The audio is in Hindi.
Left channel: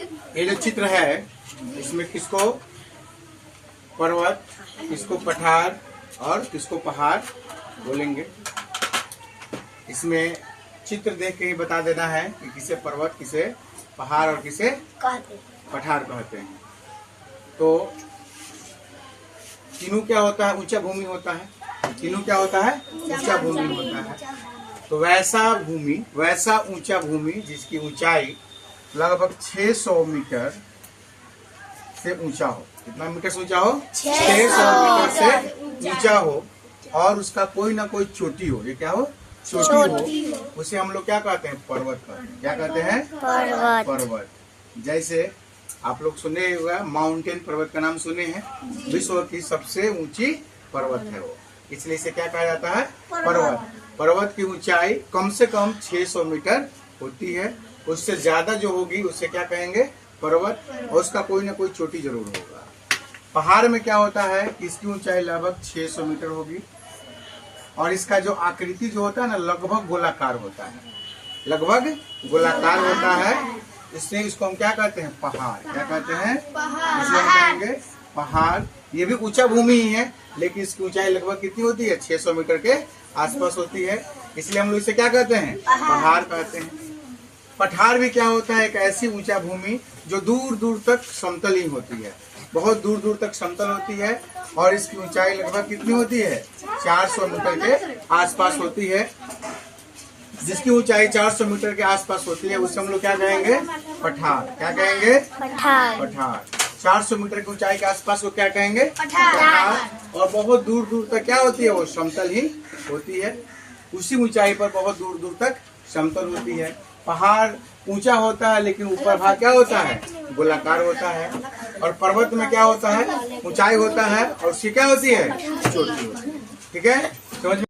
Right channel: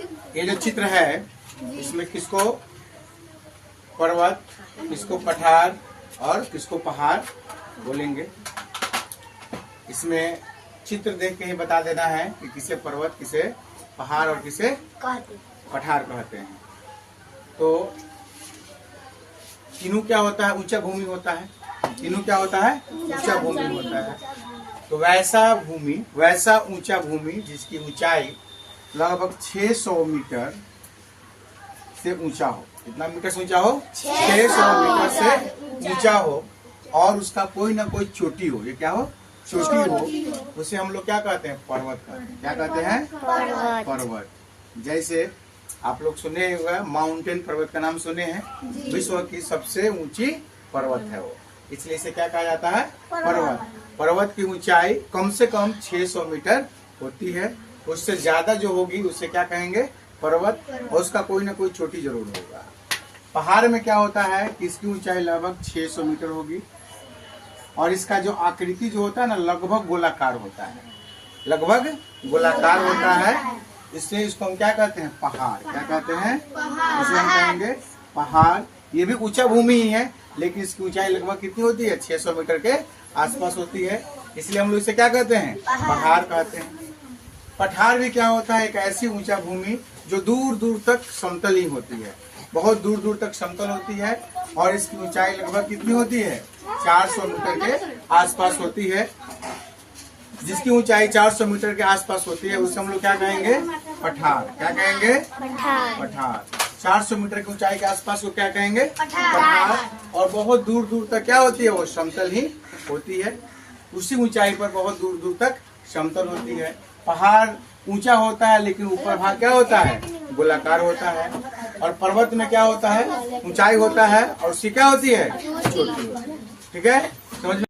ये जो चित्र है इसमें किसको पर्वत, किसको पठार और किसको पहाड़ बोलेंगे। इसमें चित्र देख के ही बता देना है कि किसे पर्वत, किसे पहाड़ और किसे पठार कहते हैं। तो तीनों क्या होता है, ऊंचा भूमि होता है। तीनों क्या होता है, ऊंचा भूमि होता है। तो वैसा ऊंचा भूमि जिसकी ऊंचाई लगभग 600 मीटर से ऊंचा हो। कितना मीटर से ऊंचा हो? 600 मीटर से ऊंचा हो और उसका कोई ना कोई चोटी हो। ये क्या हो? चोटी हो। उसे हम लोग क्या कहते हैं? पर्वत कहते हैं। क्या कहते हैं? पर्वत। जैसे आप लोग सुने हुए माउंटेन पर्वत का नाम सुने हैं, विश्व की सबसे ऊंची पर्वत है वो, इसलिए इसे क्या कहा जाता है? पर्वत। पर्वत की ऊंचाई कम से कम 600 मीटर होती है। उससे ज्यादा जो होगी उसे क्या कहेंगे? पर्वत। और उसका कोई ना कोई चोटी जरूर होगा। पहाड़ में क्या होता है कि इसकी ऊंचाई लगभग 600 मीटर होगी और इसका जो आकृति जो होता है ना, लगभग गोलाकार होता है। लगभग गोलाकार होता है, इसलिए इसको हम क्या कहते हैं? पहाड़। क्या कहते हैं? इसे हम कहेंगे पहाड़। ये भी ऊंचा भूमि ही है, लेकिन इसकी ऊंचाई लगभग कितनी होती है? 600 मीटर के आसपास होती है, इसलिए हम लोग इसे क्या कहते हैं? पहाड़ कहते हैं। पठार भी क्या होता है? एक ऐसी ऊंचा भूमि जो दूर दूर तक समतल ही होती है, बहुत दूर दूर तक समतल होती है और इसकी ऊंचाई लगभग कितनी होती है? 400 मीटर के आसपास होती है। जिसकी ऊंचाई 400 मीटर के आसपास होती है उसे हम लोग क्या कहेंगे? पठार। क्या कहेंगे? पठार। 400 मीटर की ऊंचाई के आसपास को क्या कहेंगे? पठार। और बहुत दूर दूर तक क्या होती है? वो समतल ही होती है। उसी ऊंचाई पर बहुत दूर दूर तक समतल होती है। पहाड़ ऊंचा होता है लेकिन ऊपर भाग क्या होता है? गोलाकार होता है। और पर्वत में क्या होता है? ऊंचाई होता है और उसकी क्या होती है? चोटी होती है। ठीक है, समझ में?